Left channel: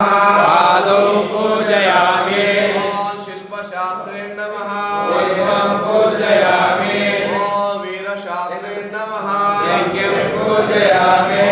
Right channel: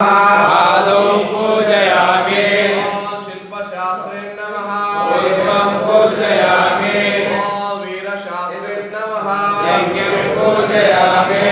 पादौ पूजयामि शिल्पशास्त्रे नमः पूर्वं पूजयामि वीरशास्त्रे नमः यज्ञं पूजयामि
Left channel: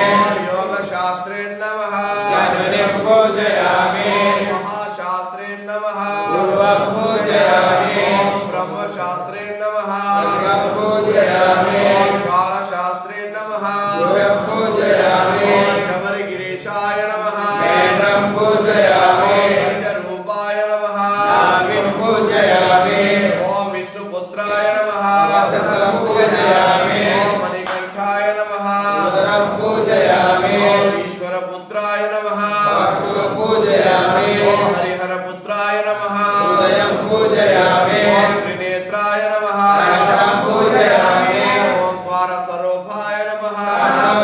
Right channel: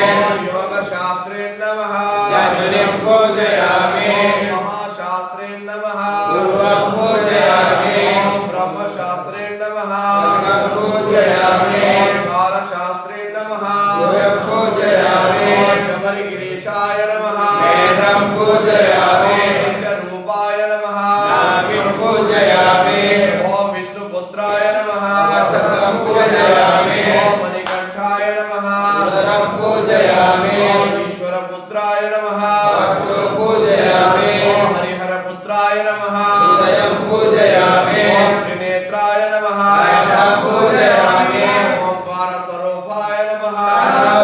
योगशास्त्रे नमः धनुर्ं पूजयामि महाशास्त्रे नमः पूर्वं पूजयामि ब्रह्मशास्त्रे नमः पूर्वं पूजयामि कारशास्त्रे नमः पूर्वं पूजयामि शबरिगिरीशाय नमः वेदं पूजयामि सत्यरूपाय नमः नाभिं पूजयामि ओम विष्णुपुत्राय नमः वक्षसं पूजयामि ओम मणिकण्ठाय नमः उदरं पूजयामि ओम ईश्वरपुत्राय नमः वक्षो पूजयामि ओम हरिहरपुत्राय नमः उदयं पूजयामि ओम त्रिनेत्राय नमः नयनं पूजयामि ओम द्वारस्वरूपाय नमः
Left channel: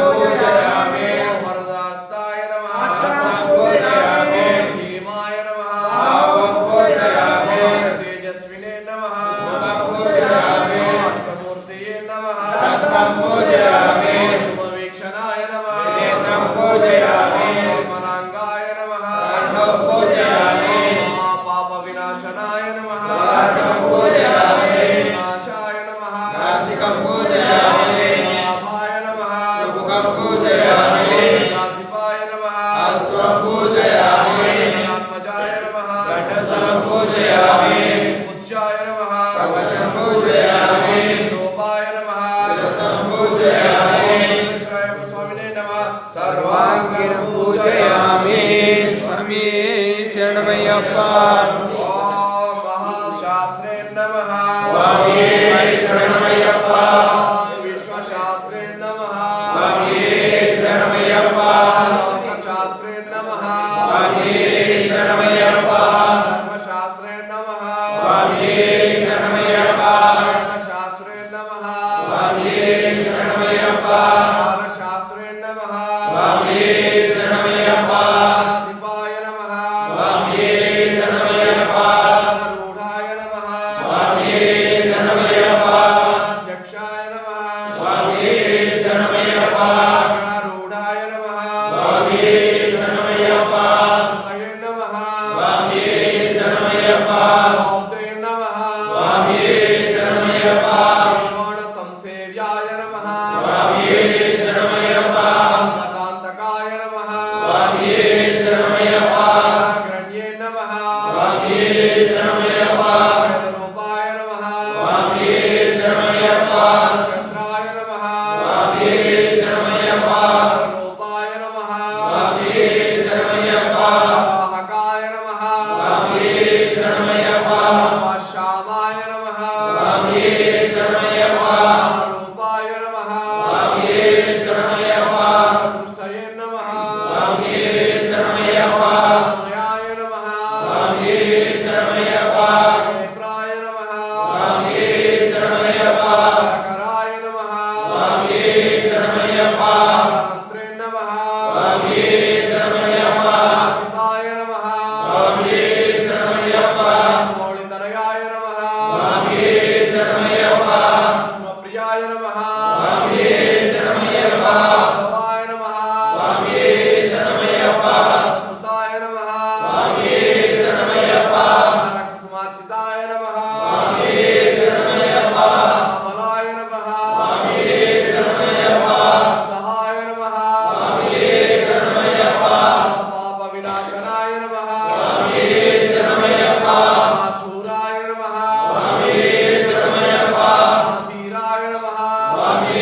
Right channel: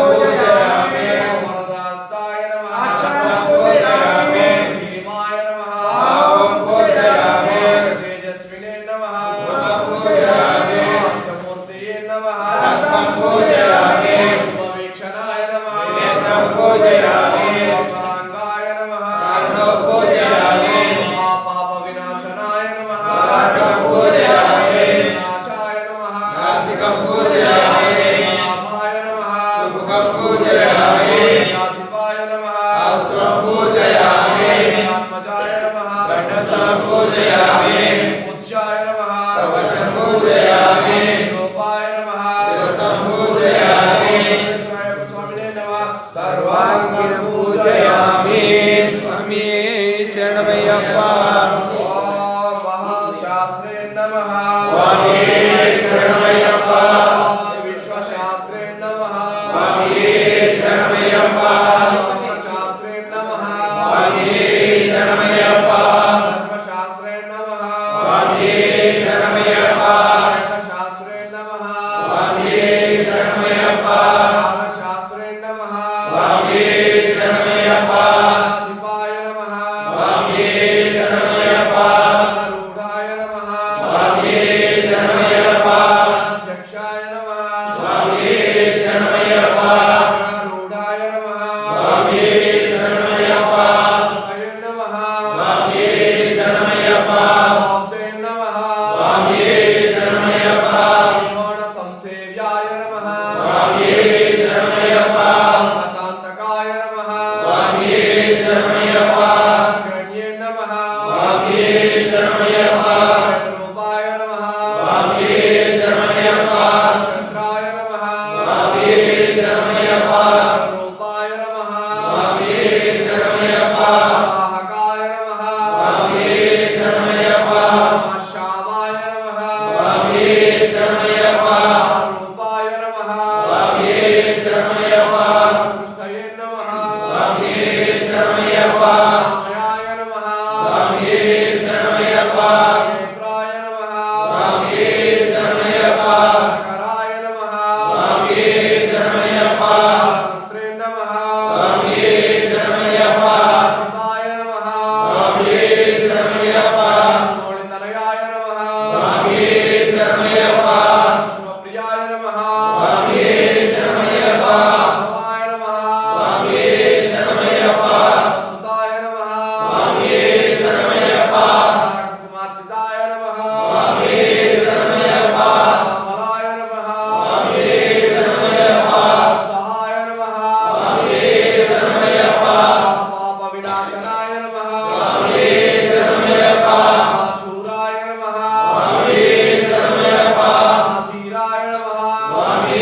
पूजयामि ओम वरदास्ताय नमः पूजयामि भीमाय नमः ओम पूजयामि तेजस्विने नमः पूजयामि अष्टमूर्तये नमः रत्नं पूजयामि शुभवीक्षणाय नमः नेत्रं पूजयामि अमराङ्गाय नमः कर्णौ पूजयामि महापापविनाशनाय नमः नासिकं पूजयामि विनाशाय नमः नासिकं पूजयामि लाभाय नमः सुमुखं पूजयामि ज्ञातिपाय नमः अस्त्रं पूजयामि आत्मजाय नमः घटसं पूजयामि उच्चाय नमः कवचं पूजयामि रूपाय नमः शिरसं पूजयामि स्वामिने नमः सर्वाङ्गं पूजयामि स्वामी शरणमय्यप्पा महाशास्त्रे नमः स्वामी शरणमय्यप्पा विश्वशास्त्रे नमः स्वामी शरणमय्यप्पा शास्त्रे नमः स्वामी शरणमय्यप्पा धर्मशास्त्रे नमः स्वामी शरणमय्यप्पा शास्त्रे नमः स्वामी शरणमय्यप्पा शास्त्रे नमः स्वामी शरणमय्यप्पा अधिपाय नमः स्वामी शरणमय्यप्पा रूढाय नमः स्वामी शरणमय्यप्पा अध्यक्षाय नमः स्वामी शरणमय्यप्पा रूढाय नमः स्वामी शरणमय्यप्पा तये नमः स्वामी शरणमय्यप्पा भक्ते नमः स्वामी शरणमय्यप्पा संसेव्याय नमः स्वामी शरणमय्यप्पा पदान्तकाय नमः स्वामी शरणमय्यप्पा गण्ये नमः स्वामी शरणमय्यप्पा रूपाय नमः स्वामी शरणमय्यप्पा चन्द्राय नमः स्वामी शरणमय्यप्पा रूपाय नमः स्वामी शरणमय्यप्पा वाहकाय नमः स्वामी शरणमय्यप्पा श्यामाय नमः स्वामी शरणमय्यप्पा रूपाय नमः स्वामी शरणमय्यप्पा दृष्टये नमः स्वामी शरणमय्यप्पा मयाय नमः स्वामी शरणमय्यप्पा नेत्राय नमः स्वामी शरणमय्यप्पा कराय नमः स्वामी शरणमय्यप्पा मंत्रे नमः स्वामी शरणमय्यप्पा शिवाय नमः स्वामी शरणमय्यप्पा मौलितनयाय नमः स्वामी शरणमय्यप्पा शिवप्रियाय नमः स्वामी शरणमय्यप्पा भवाय नमः स्वामी शरणमय्यप्पा सुताय नमः स्वामी शरणमय्यप्पा कुसुमार्चिताय नमः स्वामी शरणमय्यप्पा मलाय नमः स्वामी शरणमय्यप्पा सहाय नमः स्वामी शरणमय्यप्पा पापविनाशनाय नमः स्वामी शरणमय्यप्पा शूराय नमः स्वामी शरणमय्यप्पा धीराय नमः स्वामी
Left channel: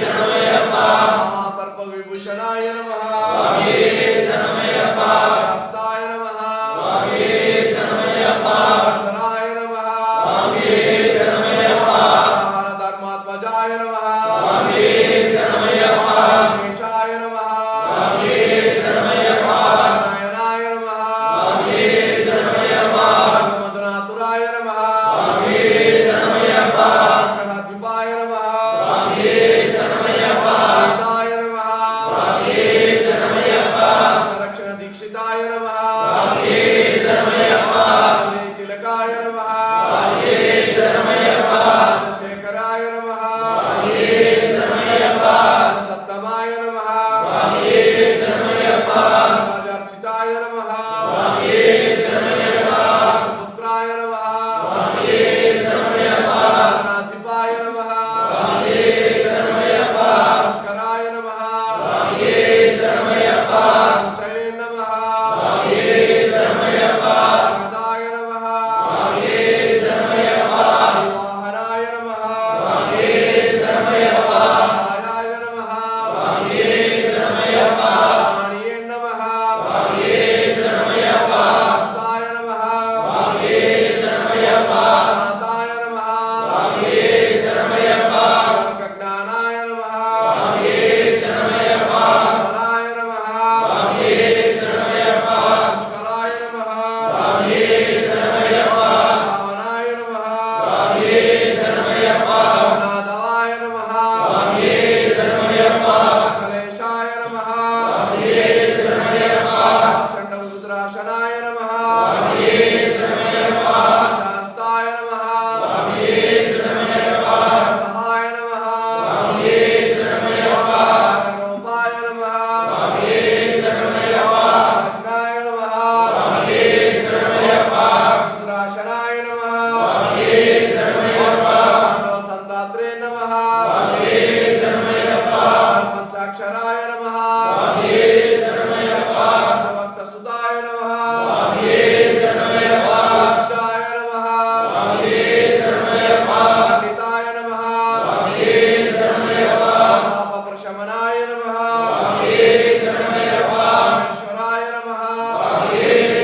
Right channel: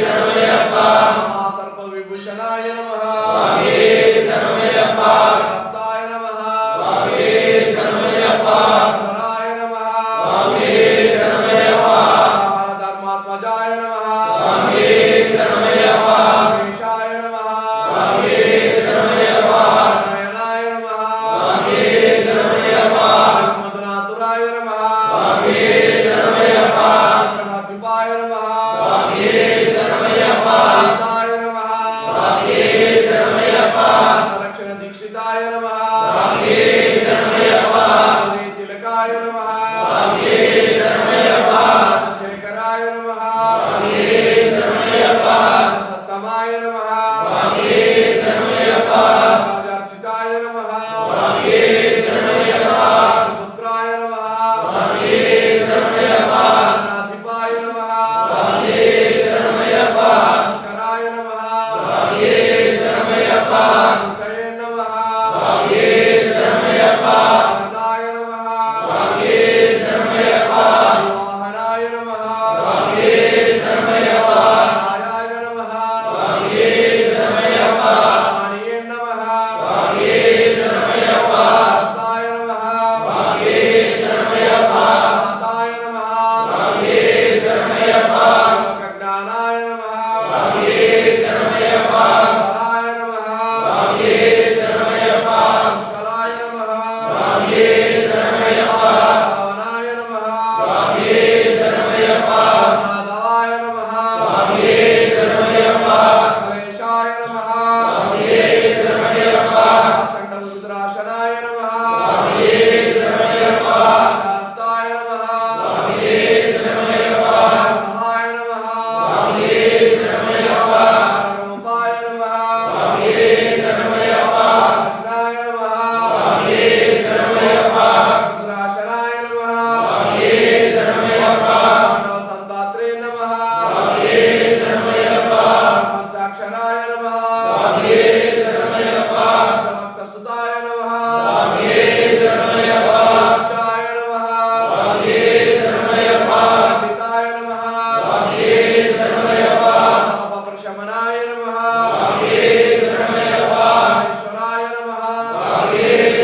शरणमय्यप्पा महासर्पविभूषणाय नमः स्वामी शरणमय्यप्पा हस्ताय नमः स्वामी शरणमय्यप्पा धराय नमः स्वामी शरणमय्यप्पा धर्मात्मजाय नमः स्वामी शरणमय्यप्पा ईशाय नमः स्वामी शरणमय्यप्पा नयनाय नमः स्वामी शरणमय्यप्पा मदनातुराय नमः स्वामी शरणमय्यप्पा ग्रहाधिपाय नमः स्वामी शरणमय्यप्पा रूपाय नमः स्वामी शरणमय्यप्पा रक्षण दीक्षिताय नमः स्वामी शरणमय्यप्पा तिलकाय नमः स्वामी शरणमय्यप्पा शेखराय नमः स्वामी शरणमय्यप्पा सत्तमाय नमः स्वामी शरणमय्यप्पा राजार्चिताय नमः पुत्राय नमः शरणमयप्पा नाथिपाय नमः शरणमयप्पा स्कराय नमः शरणमयप्पा चये नमः शरणमयप्पा गदाय नमः शरणमयप्पा वाहनाय नमः शरणमयप्पा आयाय नमः शरणमयप्पा वाणिये नमः शरणमयप्पा हस्ताय नमः शरणमयप्पा दाताय नमः शरणमयप्पा ज्ञानाय नमः शरणमयप्पा बलाय नमः शरणमयप्पा पुष्कराय नमः शरणमयप्पा भावनाय नमः शरणमयप्पा नादाय नमः शरणमयप्पा कलेशाय नमः शरणमयप्पा षण्डरुद्राक्षराय नमः शरणमयप्पा शास्ताय नमः शरणमयप्पा सहाय नमः शरणमयप्पा रूपाय नमः शरणमयप्पा अग्नाय नमः शरणमयप्पा रुद्राक्षराय नमः शरणमयप्पा संदात्रे नमः शरणमयप्पा पंचाक्षराय नमः शरणमयप्पा भक्तसुताय नमः शरणमयप्पा ईशाय नमः शरणमयप्पा पंडिताय नमः शरणमयप्पा पापप्रशमनाय नमः शरणमयप्पा ईश्वराय नमः